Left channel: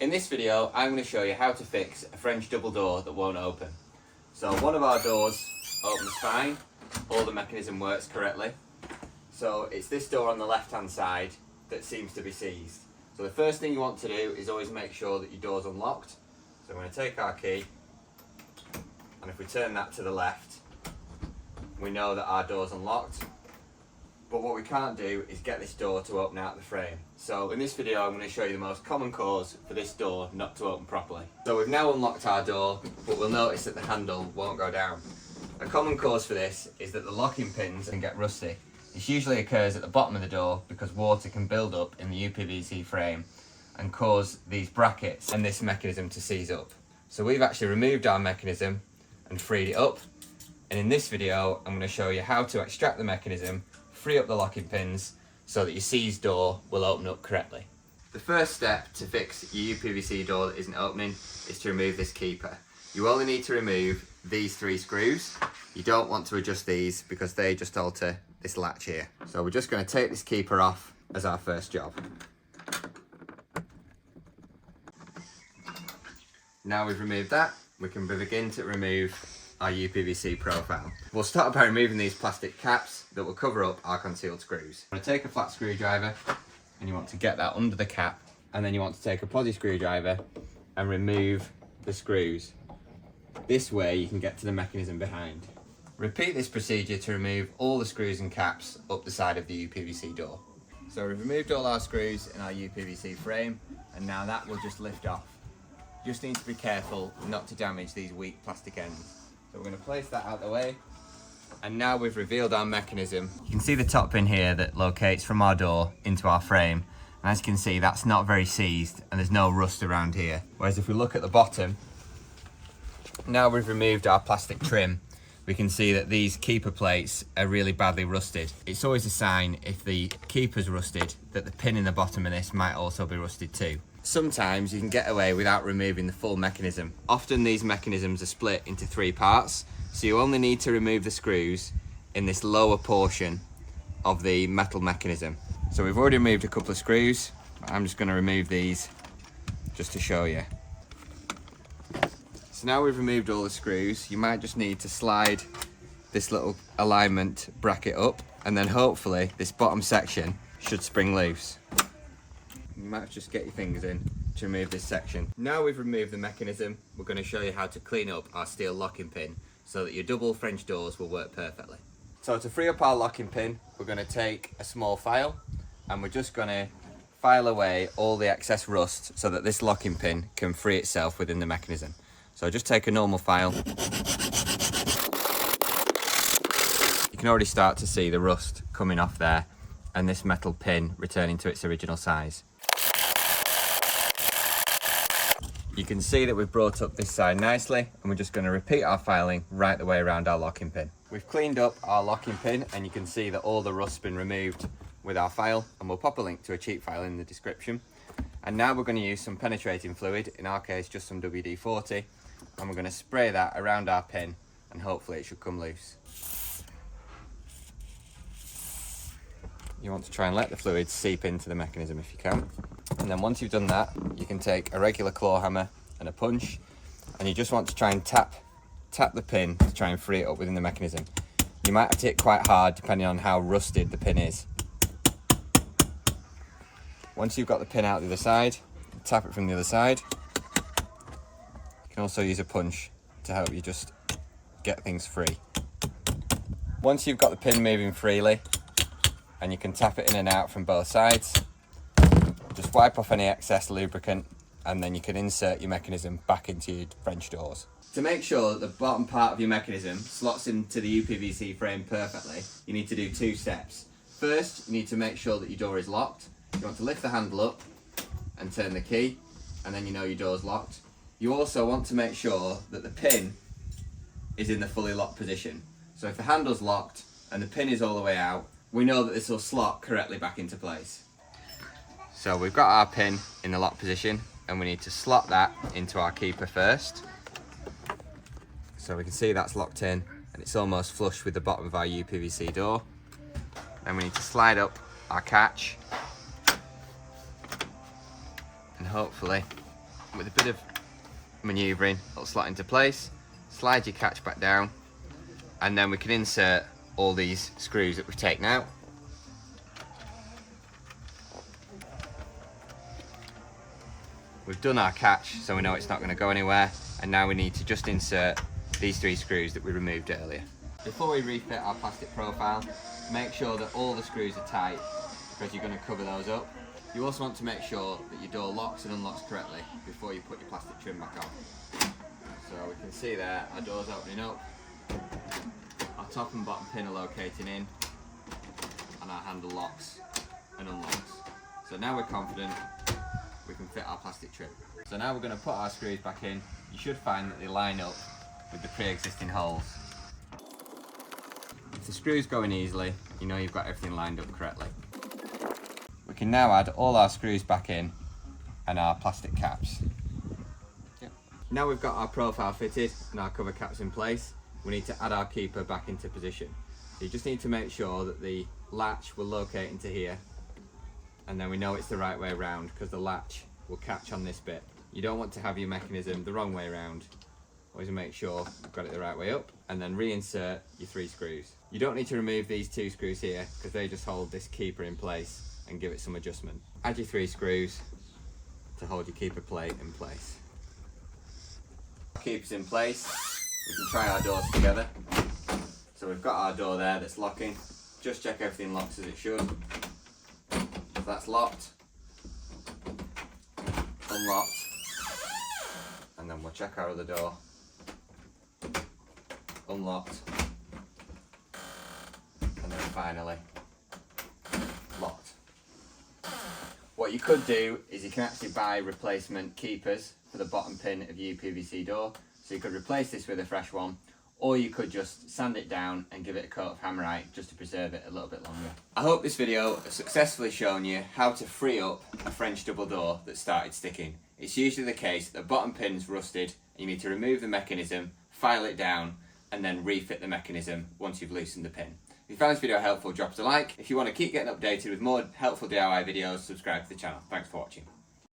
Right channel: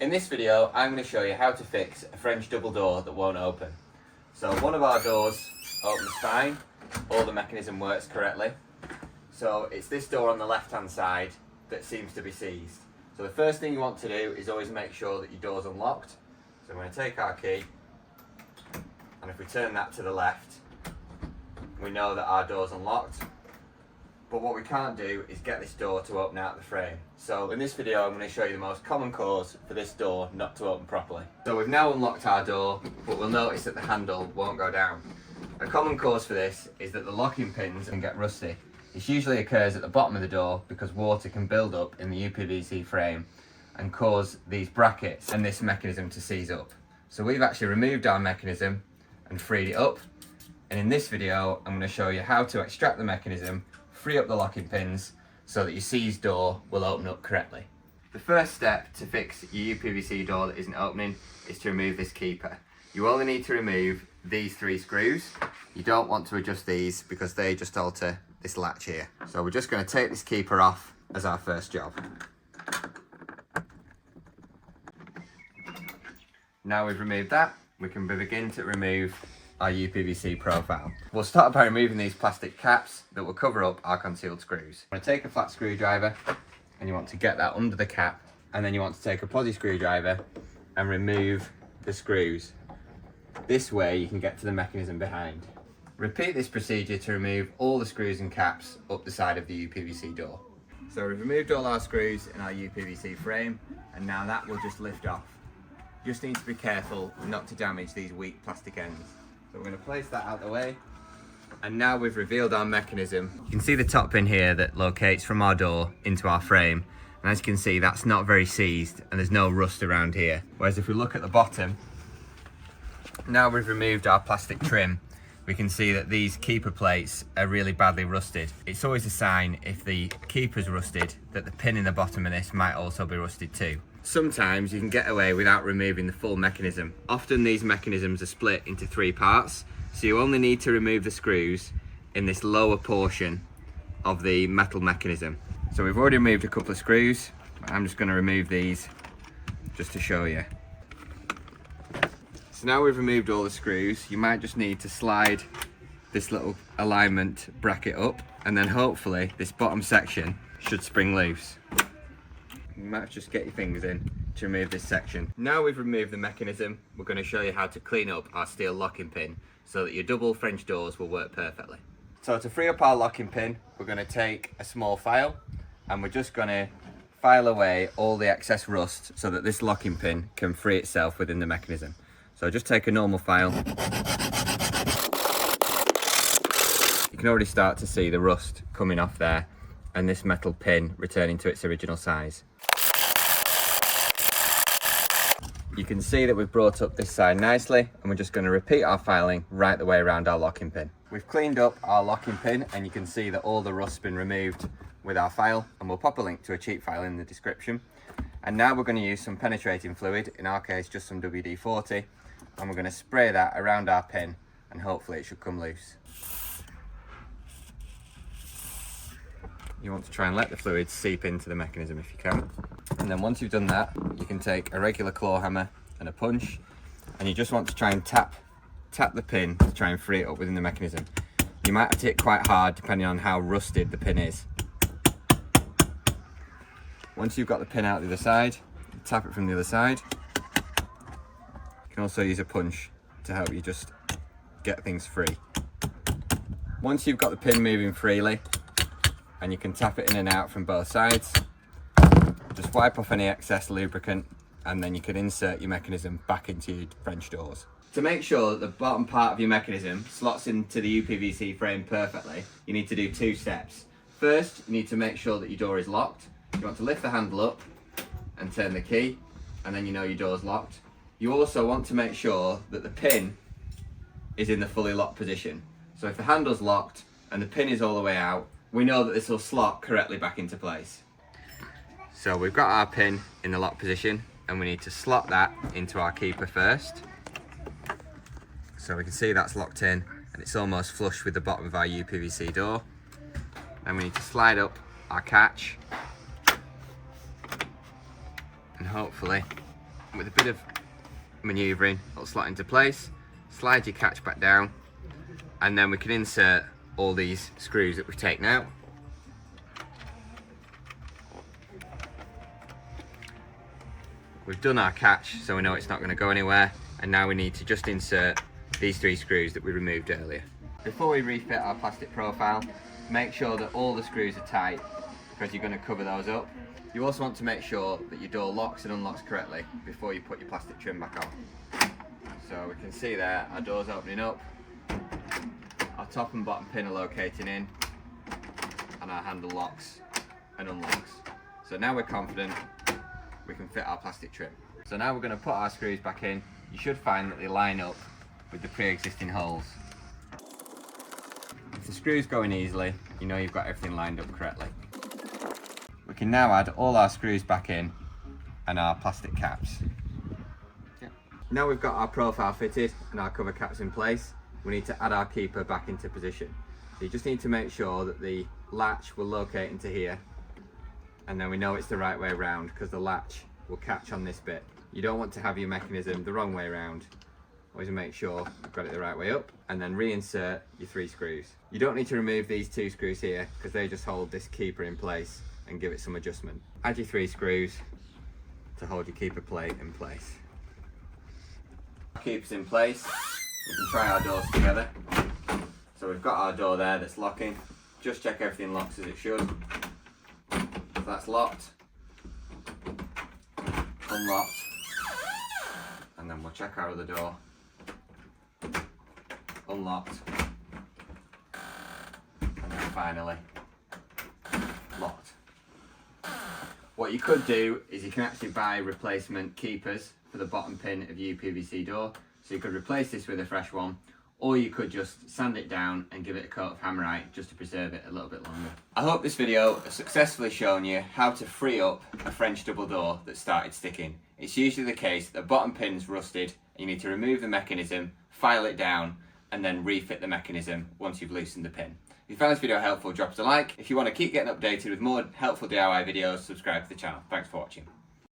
In this video, I'm going to show you how to fix a French double door that won't open. So one of our doors opens fine, all the mechanism works correctly. So it's this door on the left hand side that seems to be seized. So the first thing you want to do is always make sure that your door's unlocked. So I'm going to take our key, and if we turn that to the left, we know that our door's unlocked. But what we can't do is get this door to open out the frame. So in this video, I'm going to show you the most common cause for this door not to open properly. So we've now unlocked our door, but we'll notice that the handle won't go down. A common cause for this is that the locking pins can get rusty. This usually occurs at the bottom of the door because water can build up in the Upvc frame and cause these brackets and this mechanism to seize up. So we've actually removed our mechanism and freed it up. And in this video, I'm going to show you how to extract the mechanism, free up the locking pins so that your seized door will open up correctly. The first step to fix your Upvc door that isn't opening is to remove this keeper. You only need to remove these 3 screws. You don't want to adjust these because they just alter this latch here. So we're just going to take this keeper off as our first job. Now we've removed that, we can begin to remove our Upvc profile. We'll start by removing these plastic caps that will cover up our concealed screws. I'm going to take a flat screwdriver and you want to get that under the cap, and then you want to take a posi screwdriver and remove the screws. This way you can get to the mechanism behind. Repeat this procedure to remove all the screws and caps up the side of the Upvc door. So we've removed all our screws in our Upvc frame, and now that will just lift off. You just need to be careful not to damage these weak plastic ends. So we're going to place that out of the way, and now we've revealed our mechanism. You can see the top pin here that locates from our door into our frame, and as you can see, that's not very seized and there's no rust around here. Whereas if we look at the bottom, now we've removed our plastic trim, we can see that these keeper plates are really badly rusted. It's always a sign, if the keeper's rusted, that the pin in the bottom of this might also be rusted too. Sometimes you can get away without removing the full mechanism. Often these mechanisms are split into 3 parts, so you only need to remove the screws in this lower portion of the metal mechanism. So we've already removed a couple of screws. I'm just going to remove these just to show you. So now we've removed all the screws, you might just need to slide this little alignment bracket up, and then hopefully this bottom section should spring loose. You might just get your fingers in to remove this section. Now we've removed the mechanism, we're going to show you how to clean up our steel locking pin so that your double French doors will work perfectly. So to free up our locking pin, we're going to take a small file and we're just going to file away all the excess rust so that this locking pin can free itself within the mechanism. So just take a normal file. You can already start to see the rust coming off there and this metal pin returning to its original size. You can see that we've brought up this side nicely, and we're just going to repeat our filing right the way around our locking pin. We've cleaned up our locking pin and you can see that all the rust's been removed with our file, and we'll pop a link to a cheap file in the description. And now we're going to use some penetrating fluid, in our case just some WD-40, and we're going to spray that around our pin and hopefully it should come loose. You want to try and let the fluid seep into the mechanism if you can. And then once you've done that, you can take a regular claw hammer and a punch, and you just want to try and tap the pin to try and free it up within the mechanism. You might have to hit quite hard depending on how rusted the pin is. Once you've got the pin out the other side, tap it from the other side. You can also use a punch to help you just get things free. Once you've got the pin moving freely, and you can tap it in and out from both sides, just wipe off any excess lubricant, and then you can insert your mechanism back into your French doors. To make sure that the bottom part of your mechanism slots into the Upvc frame perfectly, you need to do 2 steps. First, you need to make sure that your door is locked. You want to lift the handle up and turn the key, and then you know your door's locked. You also want to make sure that the pin is in the fully locked position. So if the handle's locked and the pin is all the way out, we know that this will slot correctly back into place. So we've got our pin in the lock position, and we need to slot that into our keeper first. So we can see that's locked in and it's almost flush with the bottom of our Upvc door. Then we need to slide up our catch, and hopefully with a bit of manoeuvring, it'll slot into place. Slide your catch back down, and then we can insert all these screws that we've taken out. We've done our catch, so we know it's not going to go anywhere, and now we need to just insert these 3 screws that we removed earlier. Before we refit our plastic profile, make sure that all the screws are tight, because you're going to cover those up. You also want to make sure that your door locks and unlocks correctly before you put your plastic trim back on. So we can see there, our door's opening up, our top and bottom pin are locating in, and our handle locks and unlocks. So now we're confident we can fit our plastic trim. So now we're going to put our screws back in. You should find that they line up with the pre-existing holes. If the screws go in easily, you know you've got everything lined up correctly. We can now add all our screws back in and our plastic caps. Now we've got our profile fitted and our cover caps in place, we need to add our keeper back into position. So you just need to make sure that the latch will locate into here, and then we know it's the right way around because the latch will catch on this bit. You don't want to have your mechanism the wrong way around. Always make sure you've got it the right way up, and then reinsert your 3 screws. You don't need to remove these 2 screws here because they just hold this keeper in place and give it some adjustment. Add your 3 screws to hold your keeper plate in place. Keeper's in place, we can try our doors together. So we've got our door there that's locking. Just check everything locks as it should. So that's locked, unlocked, and then we'll check our other door. Unlocked, and then finally locked. What you could do is you can actually buy replacement keepers for the bottom pin of your UPVC door. So you could replace this with a fresh one, or you could just sand it down and give it a coat of hammerite just to preserve it a little bit longer. I hope this video has successfully shown you how to free up a French double door that started sticking. It's usually the case that the bottom pin's rusted and you need to remove the mechanism, file it down, and then refit the mechanism once you've loosened the pin. If you found this video helpful, drop us a like. If you want to keep getting updated with more helpful DIY videos, subscribe to the channel. Thanks for watching.